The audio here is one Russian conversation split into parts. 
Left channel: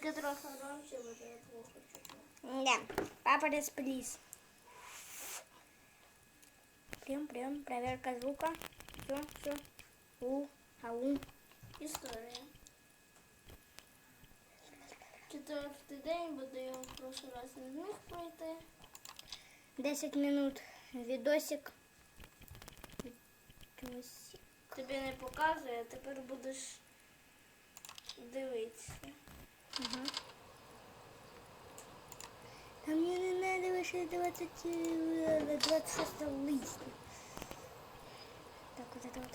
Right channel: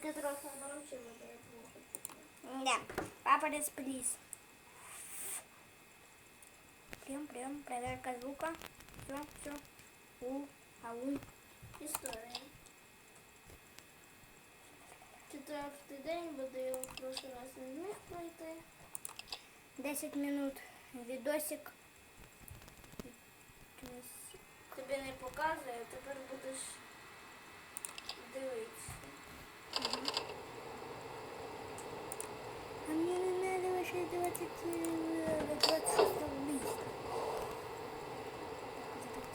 Тільки трохи громче буде плохо чути. Да, папа расплис. Прием, прием, проверка звука. Все, все. У, ау. Історія. Четвертий день буде я в прошлый раз не зміг пройти. 10 минут. Видосик. Видосик. Тобі не показує, тепер будеш дивитися. А мне не надо вообще 20, э, 26 листа. Так, вот это вот.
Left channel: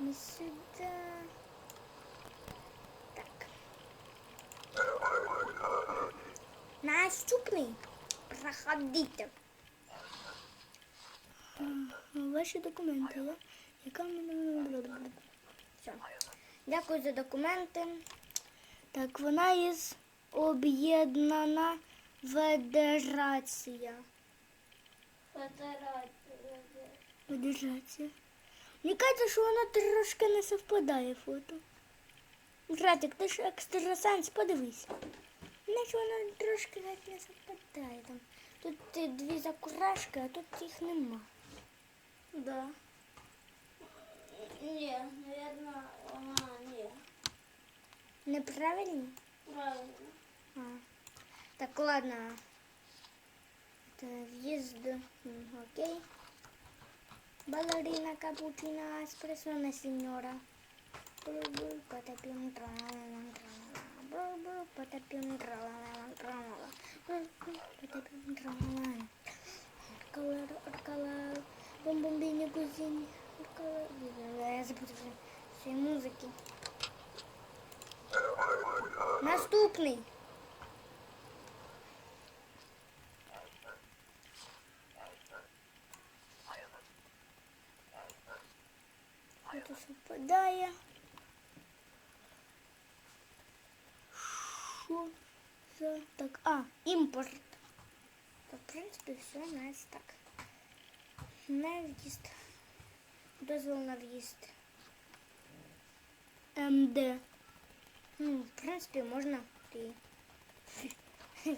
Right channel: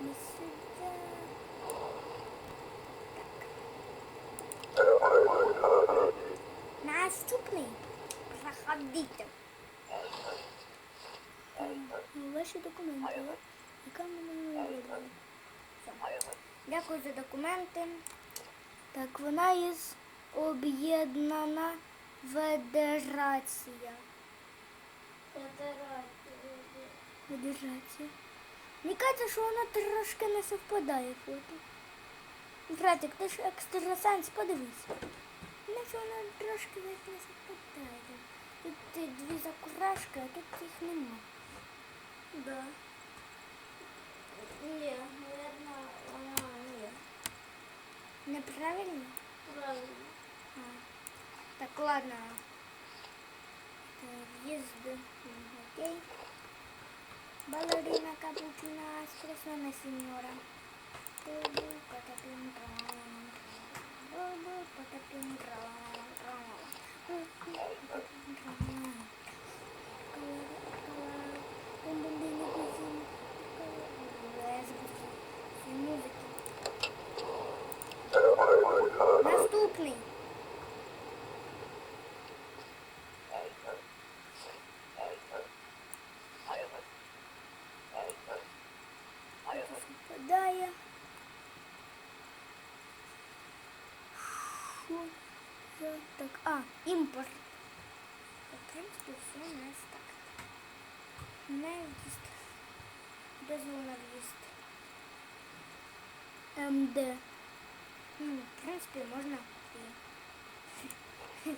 Не сюда. Так. Наступный. Проходите. М, Ваші документи. да? Яка в мене буде? Все. Дякую за документи. Так, вона із об'єднана федерація. Фотографія. Федерація. Мені кажеться, що вона трошки не совпадає фото. Братик, ти ж екстрасенс, подивись. Наче вона трошки навіть не совпадає. Тут е, дві закурашки, а тут їх нема. Да. Ні, Неправильно? Правильно. А. Так, ладно. Это въезд. Окей. Балерина капучина, эспрессо сеньора. Бу-бу, потопим, тралалам, тралала. Бу-бу, потопим, тралалам, тралала. Бу-бу, потопим, тралалам. Наступний. Це совпадає. Що за так? А, імпорт. Так, в принципі, все у нас так. На в'їзд. Дозвол на в'їзд. МД. Ну, в принципе, можно и...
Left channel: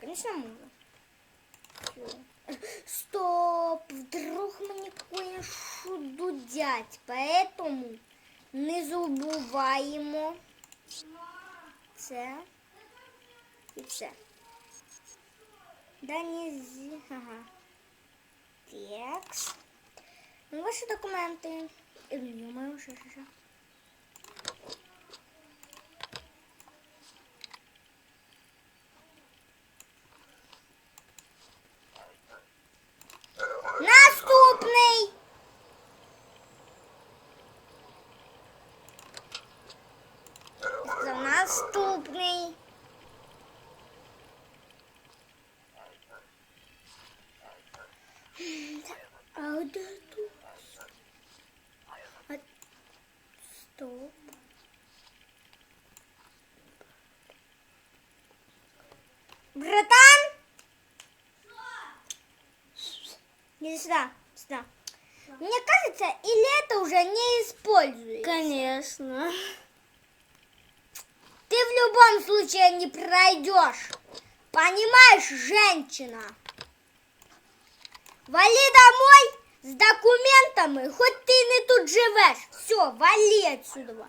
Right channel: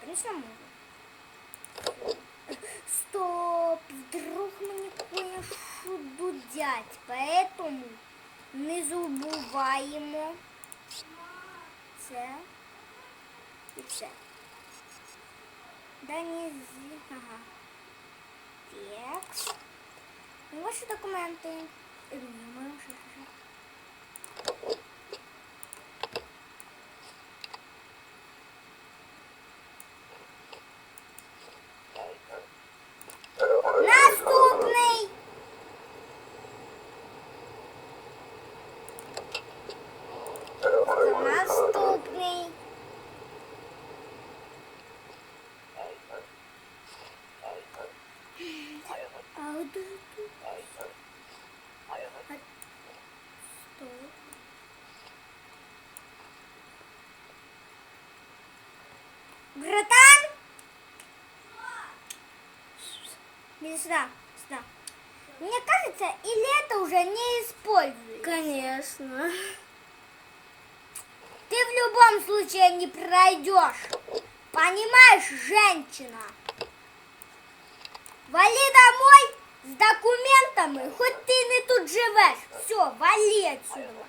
Конечно, можно. Стоп! Вдруг мне кое-что дудять. Поэтому не забуваємо це і. Да не зі... Ага. Текст. Ну, Ваші документи. Е, Ні, моє вже лежать. Наступний. Наступний. А де тут? А... Стоп. Братан? Иди сюда, сюда. Мне кажется, или это уже не используется. Конечно Ты в любом случае не пройдешь. Понимаешь, женщина? Вали домой с документами, хоть ты не тут живешь. Все, вали отсюда.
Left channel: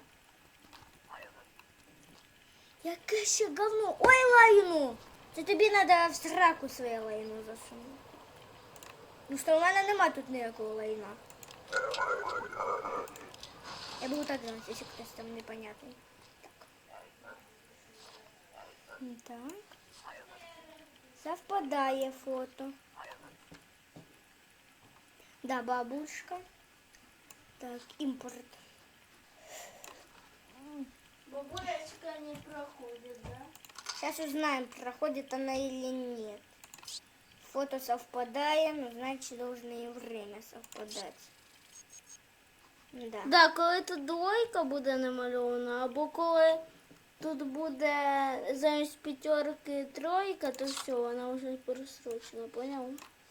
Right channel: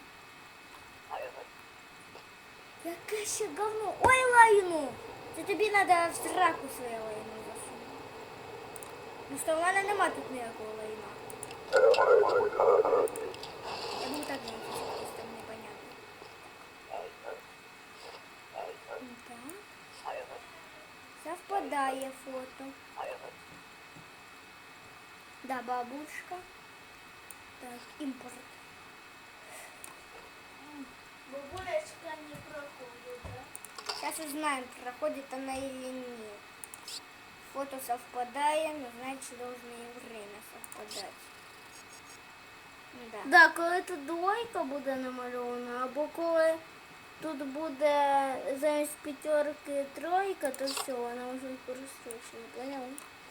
Яке ще говно. Ой, лайну. Це тобі треба в сраку своє лайно засунути. Ну що, у мене нема тут ніякого лайна. Я буду так делать, если хтось там непонятний. Так. Совпадає фото. Да, бабушка. Так, импорт. Бабулечка не проходит, да? Сейчас узнаем, проходит она или нет. Фото совпадает, но значит должно и время совпадать. Да. Да, коли тут двойка буде намальована, або коли тут буде замість п'ятерки тройка, то все, вона вже перестрочена, поняв?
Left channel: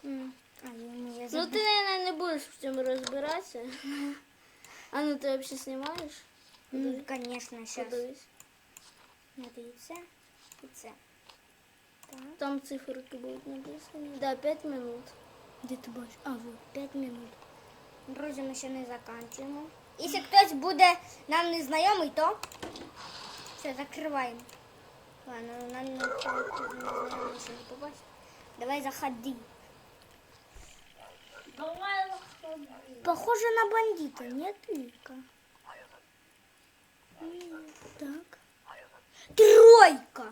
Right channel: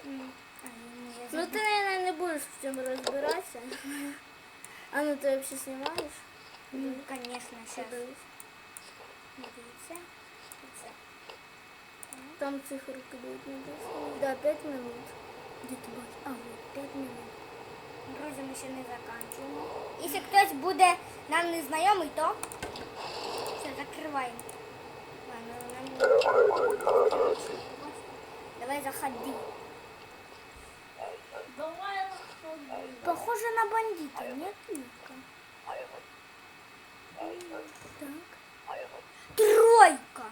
М, А, ему я Ну забыла. ти, наверное, не будеш в цьому розбиратися. А ну ти взагалі знімаєш? Ну, конечно, сейчас. Подивись. Дивіться. І це. Так. Там циферки будуть написані. Да, 5 минут. Де ти бачиш? А, вот, 5 минут. Друзі, ми ще не заканчуємо. Якщо хтось буде нам не знайомий, то все, закриваємо. Ладно, нам не побачимо. Давай заходи. Давай Похоже на бандита, нет, Вика? М, Так. Тройка.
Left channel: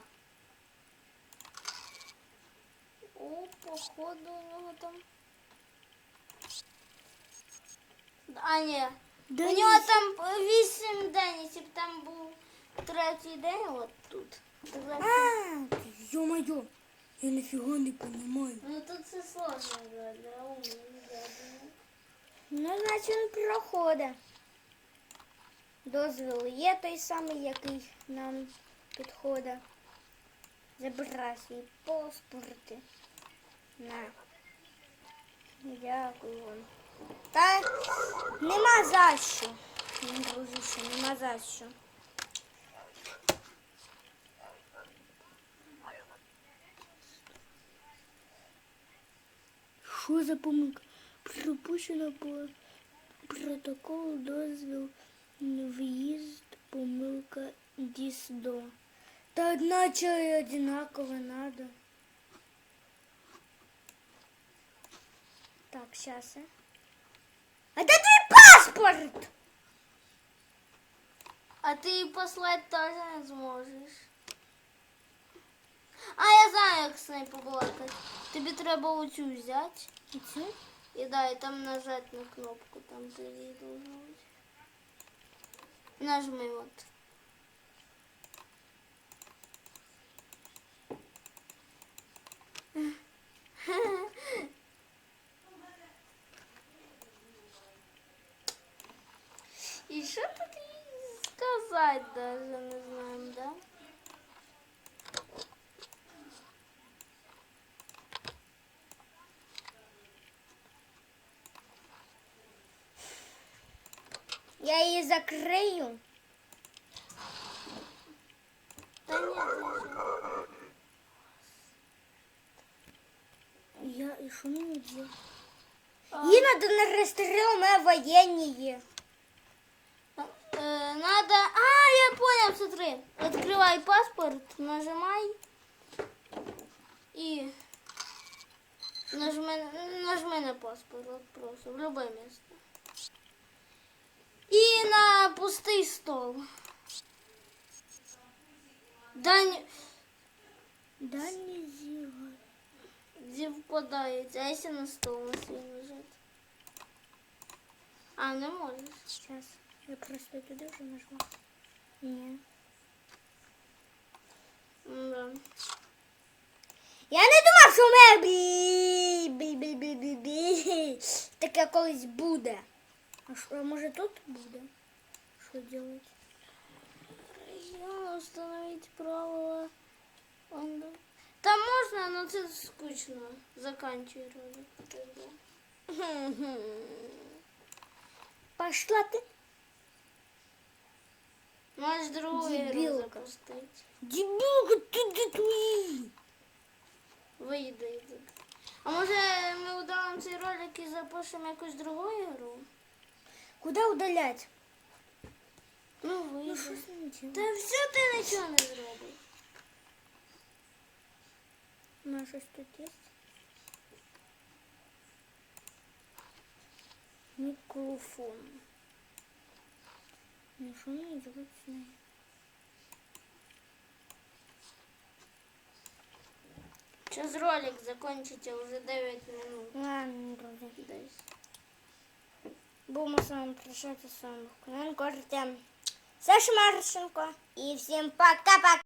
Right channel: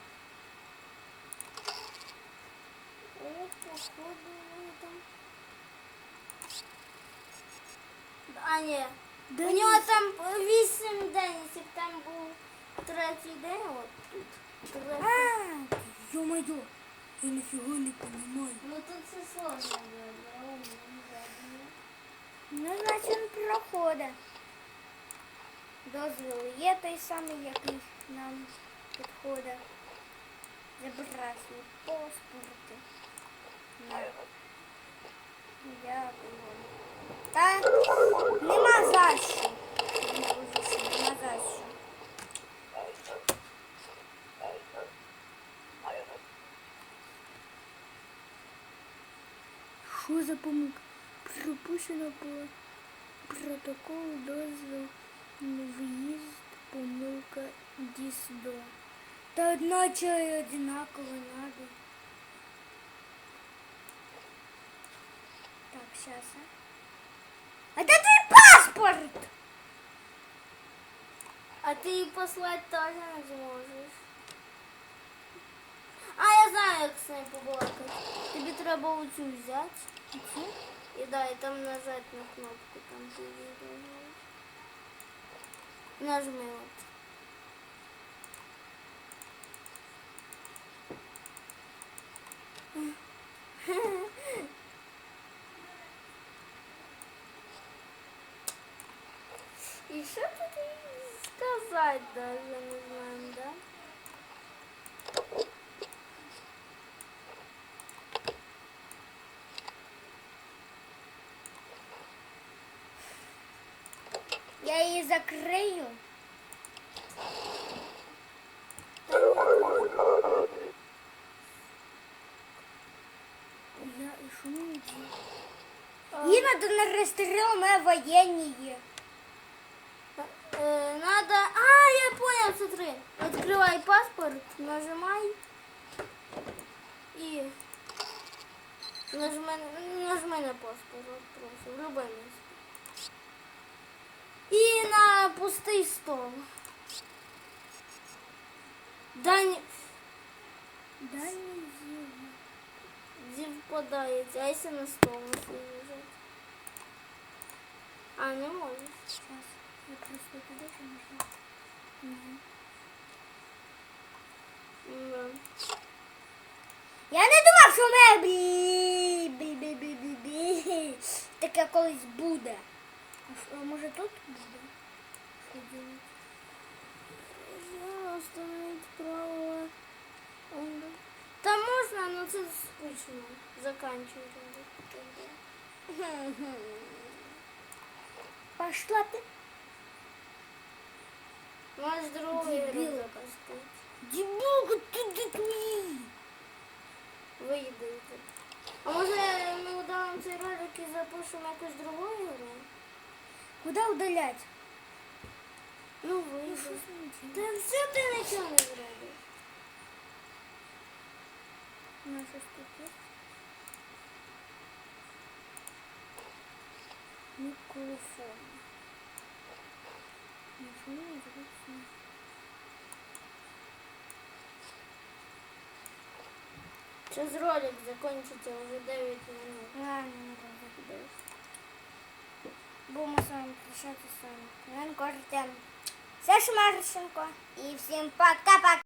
О, походу у нього там. А, ні. Да у нього ні. там 8 день, якщо б там був Третій день, от тут. А, ё-моё, я нифига не понимаю. Ну тут це сложно умію. Ну, значить проходить. Дозвіл є той самий, який нам підходить. Забирай свої паспорти. На. Дякую. Та нема за що. Нема за що. Що за помилка? Пропущено по протоколу дозвіл в'їзд, помилка ДІСДО. Та одначе одинаково надо. Так, сейчас, а. А де твій паспорт? А ти її послати теж не зможеш. А, я знаю, як з нею побалакати. Тобі треба оцю взяти. Оцю? І да, і там нажати на кнопку, там ти її нажмеш. Нажми от. І що тут їй сказати даже не знаємо, да? Я її закрию. Я і що мені делать? Їй надо на ресторан, у воєнні. Э, надо... А, я понял, смотри. Открывай паспорт, нажимай. И нажми, нажми на паспорт просто, в любое место. И на пустый стол. Да не... Да не зіва. Где впадаете? А если на стол на свой нажать? А, не можешь. Сейчас. Я просто туди вже нажала. Ні. Ну, да. Я не думав, що у мене бі бі бі бі бі бі таке колись буде. А що, а може тут буде? Що делать? Режим установить право. Он- Там можно, но это скучно. Заканчивать надо. Пошла ти. Можешь другое Дебилка. запустить. Дебілка, ти де твої? Вийди. йди. А може ми удалимо цей ролик і запишемо якусь другу ігру? Куди удалять? Ну Ну, вийди. що ж мені Та делать? все ти нічого не зробиш. У нас щось тут є? Мікрофон. Ну, що мені зробити? Сейчас ролик закончите, уже 9 минут. Ладно, не буде. Будемо з вами прощатися з вами. Артем. Саша Марченко. І всім пока-пока.